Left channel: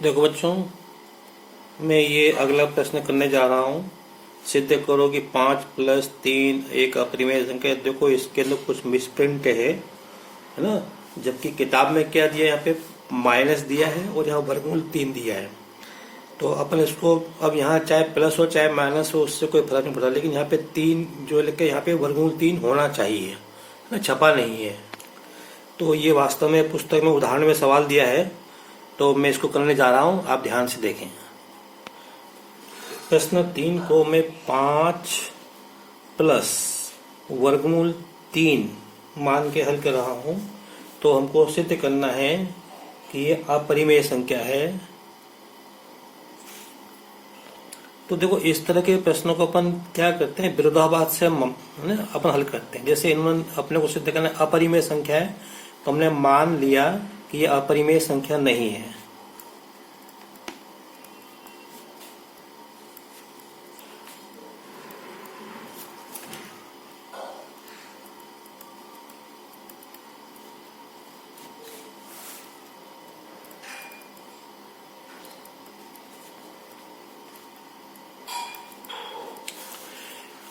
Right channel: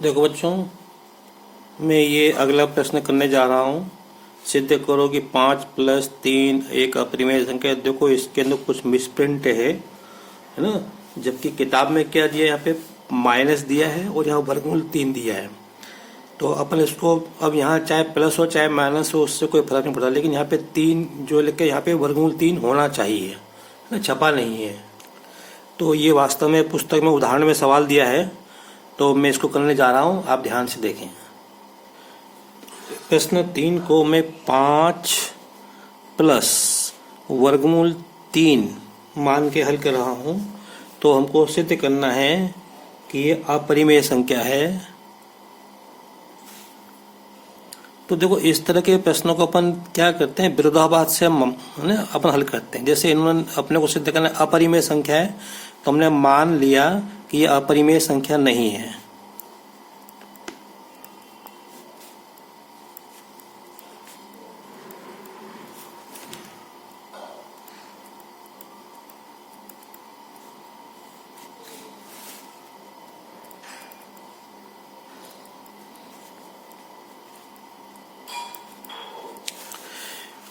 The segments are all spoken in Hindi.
देखो बच्चों, मैं ये अगला प्रश्न करने जा रहा हूँ। सिद्ध करो कि 5 + 3 एक अपरिमेय संख्या है। देखो इसके अंदर कुछ मिसप्रिंट है ना। जबकि किताब में क्या दिया है, यहाँ पे माइनस दिया है और यहाँ वर्गमूल 3 दिया है। तो अपन इसको अब यहाँ चाहे प्लस हो चाहे माइनस हो, उससे कोई फर्क नहीं पड़ता, लेकिन यहाँ पे 3 जो लिखे यहाँ पे वर्गमूल 3 होना चाहिए ना, छपा नहीं है। तो ये वास्तव में पुस्तक में उदाहरण में सवाल दिया है, तो मैं इसको करने जा रहा हूँ, आप ध्यान से देखें। प्रश्न 3 को मैं 5 + वर्गमूल 3 मान के हल कर रहा हूँ। तो हमको सिद्ध करना है कि ये अपरिमेय संख्या है। तो देखो इस तरह के प्रश्नों को अपन क्या करते हैं, विरोधाभास से अपन हल करते हैं। जैसे इन्होंने अपने को सिद्ध करना अपरिमेय संख्या है, तो हमने मान लिया कि ये अपरिमेय संख्या नहीं है।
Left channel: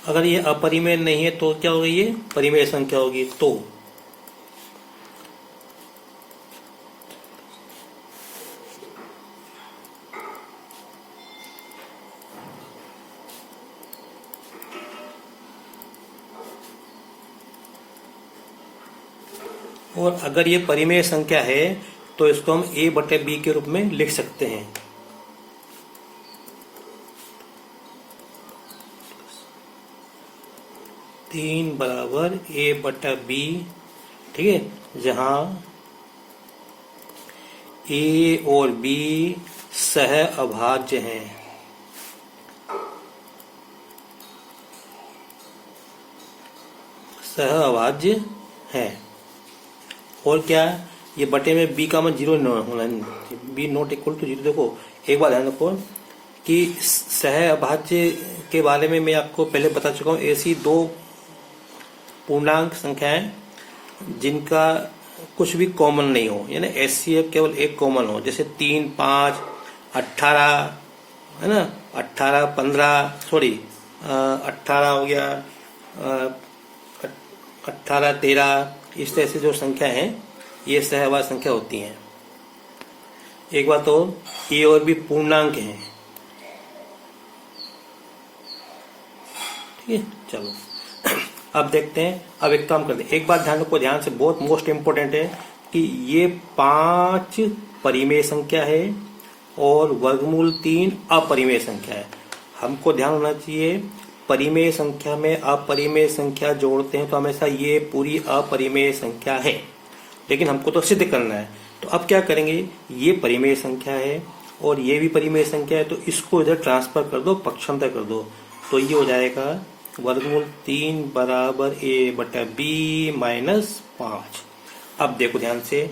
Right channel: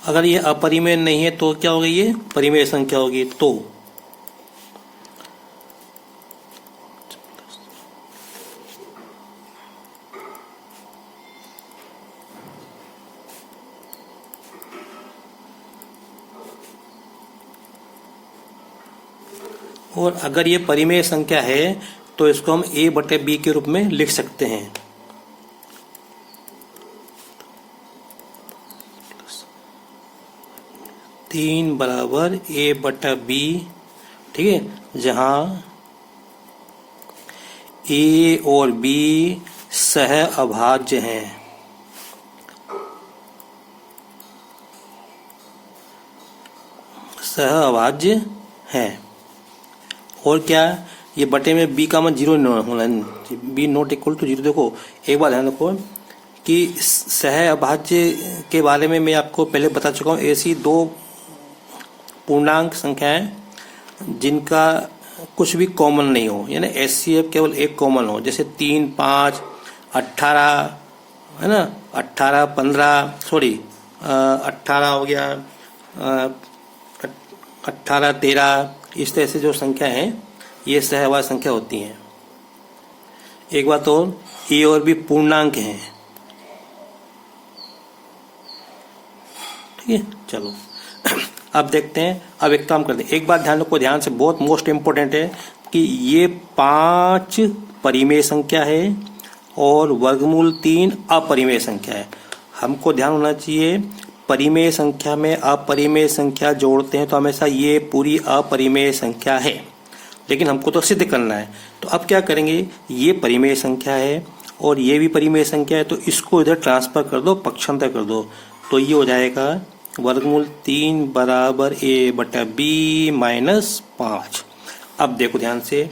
अगर ये अपरिमेय नहीं है तो क्या होगी, ये परिमेय संख्या होगी। तो और अगर ये परिमेय संख्या है तो इसको हम a/b के रूप में लिख सकते हैं। तीन बराबर a/b, ठीक है, जहां a और b सह अभाज्य हैं। सह अभाज्य है। और क्या, ये बटे में b का मान 0 होना, b नॉट इक्वल टू 0। देखो एक बात ध्यान रखो कि सह अभाज्य के बारे में मैं आपको पहले बता चुका हूँ। ऐसी दो पूर्णांक संख्याएं जिनका कुछ भी कॉमन नहीं हो, यानी HCF केवल एक कॉमन हो, जैसे 3, 5, 18 है ना, 18, 15, सॉरी 18 हो गया, 18, 13, इस तरह से जो संख्या है ये सहअभाज्य संख्या होती हैं। एक बात और, ए और बी पूर्णांक हैं। ठीक है, चलो अब देखते हैं। अब एक काम करते हैं, एक बात ध्यान रखो, ध्यान से, बहुत मोस्ट इंपोर्टेंट है कि ये 5 परिमेय संख्या है और वर्गमूल 3 अपरिमेय संख्या है। हमको ध्यान होना चाहिए, परिमेय संख्या में अपरिमेय संख्या जोड़ते हैं तो हमेशा ये पूरी अपरिमेय संख्या है, लेकिन हमको तो सिद्ध करना है। तो अब क्या करेंगे, ये परिमेय संख्या है और ये भी परिमेय संख्या है, तो इसको इधर ट्रांसफर कर दो, पक्षांतर कर दो, तो ये हो जाएगा वर्गमूल 3 बराबर a/b - 5। अब देखो ध्यान से,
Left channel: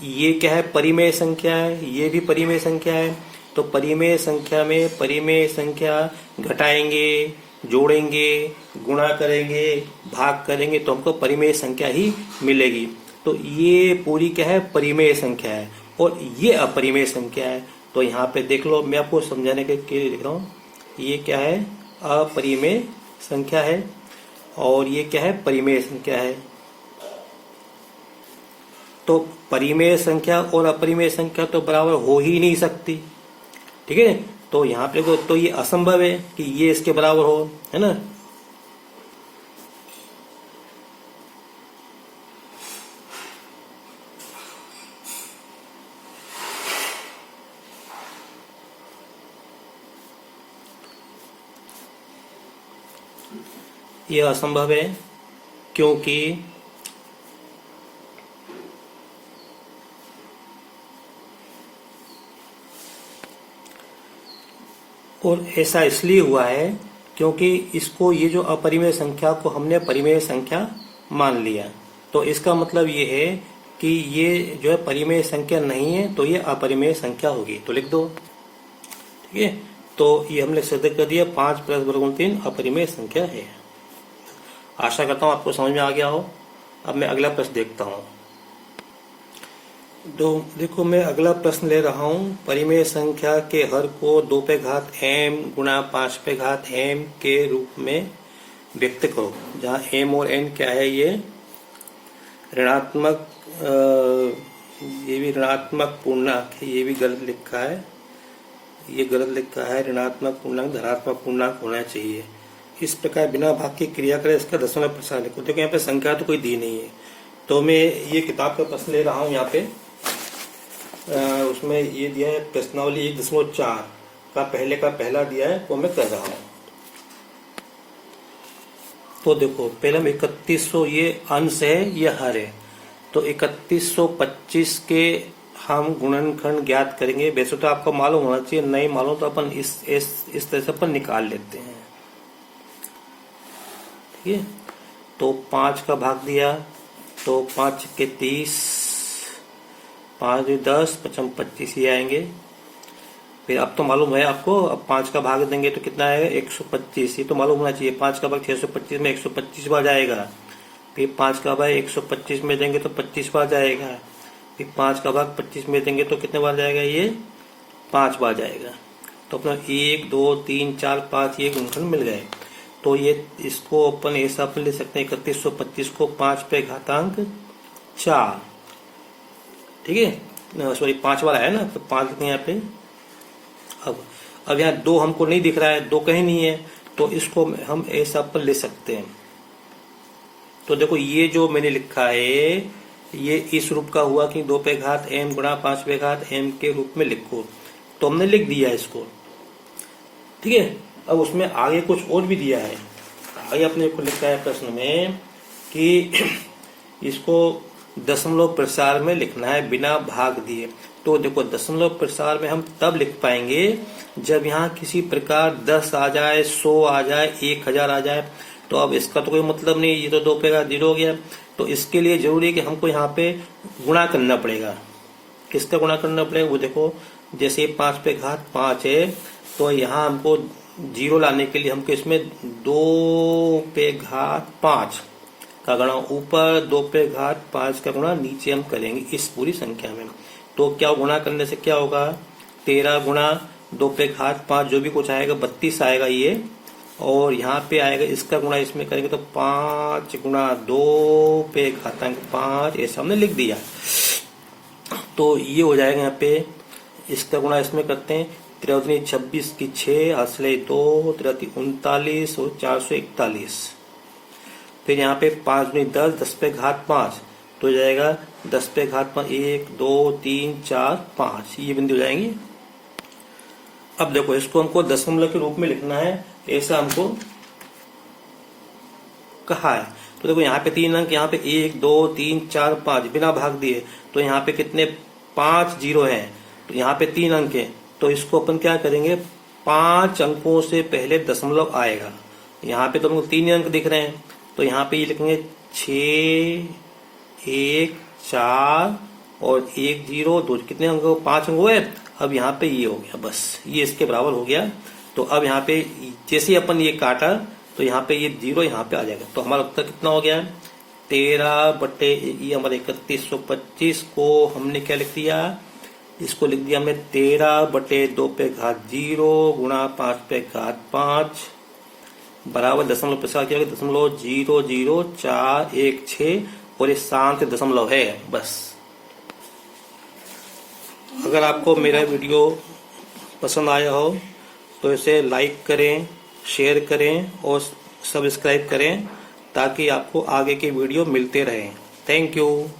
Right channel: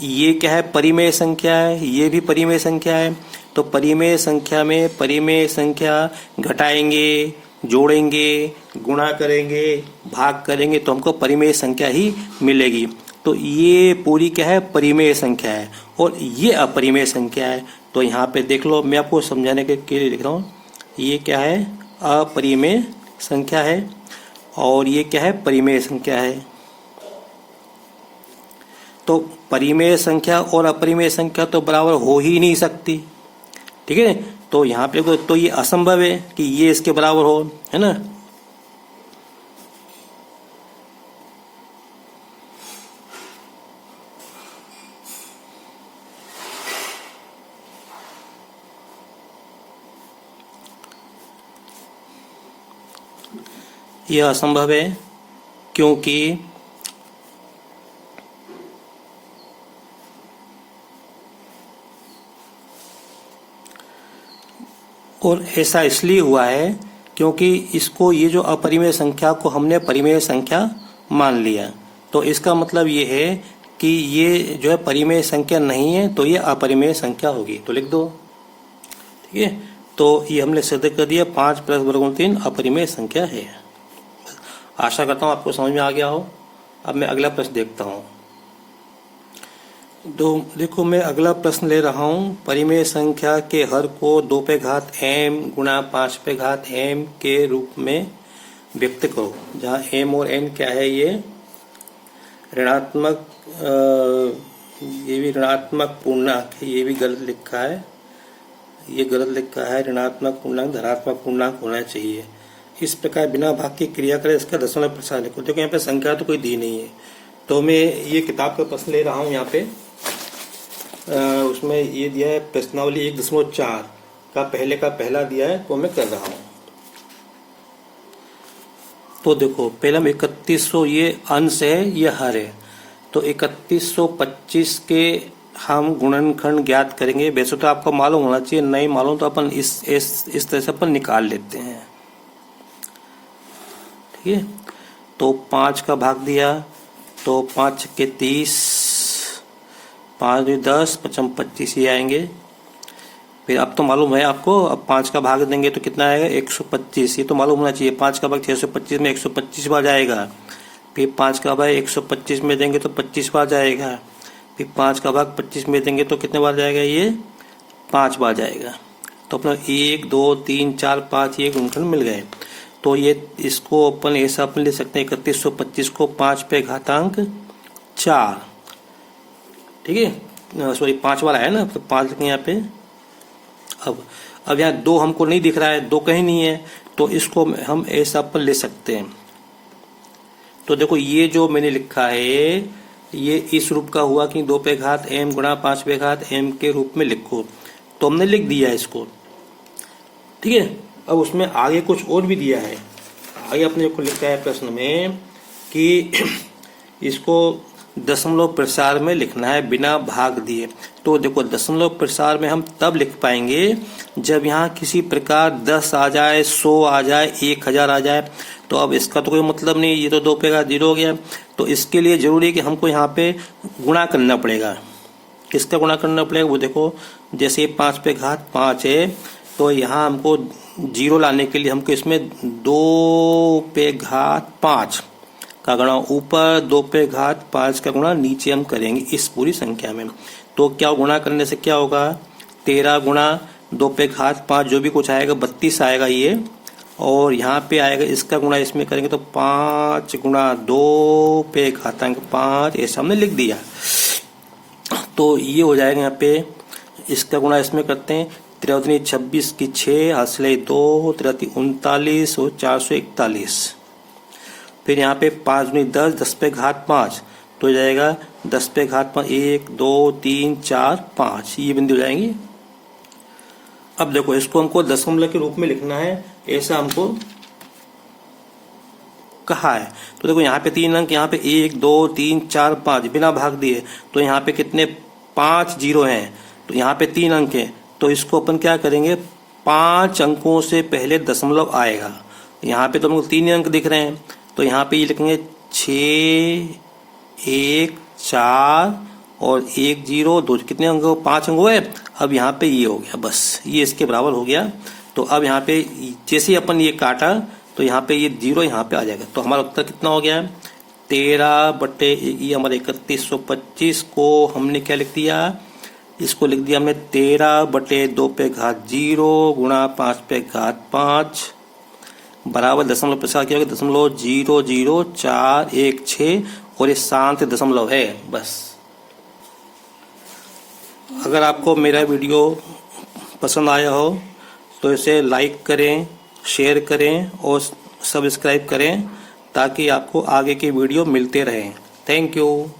ये क्या है, परिमेय संख्या है, ये भी परिमेय संख्या है। तो परिमेय संख्या में परिमेय संख्या घटाएंगे, जोड़ेंगे, गुणा करेंगे, भाग करेंगे तो हमको परिमेय संख्या ही मिलेगी। तो ये पूरी क्या है, परिमेय संख्या है और ये अपरिमेय संख्या है। तो यहाँ पे देख लो, मैं आपको समझाने के लिए लिख रहा हूँ, ये क्या है, अपरिमेय संख्या है और ये क्या है, परिमेय संख्या है। तो परिमेय संख्या और अपरिमेय संख्या तो बराबर हो ही नहीं सकती, ठीक है। तो यहाँ पे तो ये असंभव है कि ये इसके बराबर हो, है ना। यह असंभव है क्योंकि और ऐसा इसलिए हुआ है क्योंकि इसको, ये जो अपरिमेय संख्या को हमने परिमेय संख्या मान लिया। तो इसका मतलब ये है कि ये जो है परिमेय संख्या नहीं है, तो ये अपरिमेय संख्या होगी। तो लिख दो, ठीक है। तो ये हमने सिद्ध कर दिया, 5 + वर्गमूल 3 अपरिमेय संख्या है। आशा करता हूँ आपको समझ में आ गया हो। अब मैं अगला प्रश्न देखता हूँ। तो देखो मैं अगला प्रश्न ले रहा हूँ। परिमेय संख्या के हर को 2 पे घात m गुणा 5 पे घात m के रूप में व्यक्त करो। जहाँ m और n क्या है, ये ऋणात्मक, ये भी ऋणात्मक पूर्णांक है, ये भी गलत लिखा है, ये गलत लिखा है। ऋणात्मक पूर्णांक धनात्मक पूर्णांक होना चाहिए। इस प्रकार बिना भाग की क्रिया करें, इसका दशमलव प्रसार लिखो। देखो यहाँ पे संख्या तो कोई दी नहीं है, तो मैं ये किताब का प्रश्न ले रहा हूँ। यहाँ पे उसमें ये दिया है प्रश्नावली 1.4 का पहला दिया है, वो मैं कर रहा हूँ। तो देखो पहले हम 3100, ये अंश है, ये हर है, तो 3125 के हम गुणनखंड ज्ञात करेंगे। वैसे तो आपको मालूम होना चाहिए, नहीं मालूम तो अपन इस तरह से अपन निकाल लेते हैं। ठीक है, तो 5 का भाग दिया, तो 5 के 30, 5 10, 55 25 ही आएंगे। फिर अब तो मालूम है आपको, अब 5 का भाग देंगे तो कितना आएगा, 125। ये तो मालूम होना चाहिए। 5 का भाग 625 में 125 बार जाएगा। फिर 5 का भाग 125 में देंगे तो 25 बार जाएगा। फिर 5 का भाग 25 में देंगे तो कितने बार जाएगा, ये 5 बार जाएगा। तो अपना 1 2 3 4 5 ये गुणनखंड मिल गए। तो ये इसको अपन ऐसा अपन ले सकते हैं, 3125 को 5 पे घातांक 4, ठीक है, सॉरी 5 वाला है ना, तो 5 लिखेंगे यहाँ पे। अब यहाँ 2 हमको नहीं दिख रहा है, 2 कहीं नहीं है, तो इसको हम ऐसा अपन ले सकते हैं। तो देखो ये जो मैंने लिखा है, ये इस रूप का हुआ कि 2 पे घात m गुणा 5 पे घात m के रूप में लिखो। तो हमने लिख दिया इसको, ठीक है। अब उसमें आगे कुछ और भी दिया है। आगे अपने को लिखा है प्रश्न में कि इसको दशमलव प्रसार में लिखना है बिना भाग दिए। तो देखो दशमलव प्रसार में हम तब लिख पाएंगे जब यहाँ किसी प्रकार 10 आ जाए, 100 आ जाए, 1000 आ जाए। तो अब इसका तो कोई मतलब नहीं, ये तो 2 पे घात 0 हो गया। तो इसके लिए जरूरी है कि हमको यहाँ पे गुणा करना पड़ेगा। किसका गुणा करना पड़ेगा, वो देखो, जैसे 5 पे घात 5 है, तो यहाँ हमको 0 लाने के लिए हमको इसमें 2 पे घात 5 का गुणा ऊपर, 2 पे घात 5 का गुणा नीचे हम करेंगे इस पूरी संख्या में। तो क्या गुणा करने से क्या होगा, 13 गुणा 2 पे घात 5, जो भी कुछ आएगा 32 आएगा ये, और यहाँ पे आएगा इसका गुणा इसमें करेंगे तो 5 गुणा 2 पे घातांक 5, ऐसा हमने लिख दिया। तो ये हो जाएगा यहाँ पे, इसका गुणा इसमें करते हैं, 3 26 की 6, हासिल 2, 3 39 और 441। फिर यहाँ पे 5 10, 10 पे घात 5, तो हो जाएगा 10 पे घात 5, 1 2 3 4 5, ये बिंदु जाएंगे। अब देखो इसको हमको दशमलव के रूप में लिखना है, ऐसा हमको कहा है। तो देखो यहाँ पे 3 अंक, यहाँ पे 1 2 3 4 5 बिना भाग दिए, तो यहाँ पे कितने 5 0 हैं, तो यहाँ पे 3 अंक हैं। तो इसको अपन क्या करेंगे, 5 अंकों से पहले दशमलव आएगा। यहाँ पे तो हमको 3 अंक दिख रहे हैं, तो यहाँ पे ये लिखेंगे 6 1 4 और 1 0 2, कितने अंक, 5 अंक हुए। अब यहाँ पे ये हो गया, बस ये इसके बराबर हो गया। तो अब यहाँ पे जैसे अपन ये काटा, तो यहाँ पे ये 0 यहाँ पे आ जाएगा। तो हमारा उत्तर कितना हो गया, 13 बटे ये हमारे 3125 को हमने क्या लिख दिया, इसको लिख दिया हमने 13 बटे 2 पे घात 0 गुणा 5 पे घात 5 बराबर दशमलव प्रसार किया गया 0.00416, और ये शांत दशमलव है बस। अगर आपको मेरा वीडियो पसंद आया हो तो इसे लाइक करें, शेयर करें और सब्सक्राइब करें, ताकि आपको आगे की वीडियो मिलते रहें। Thank you.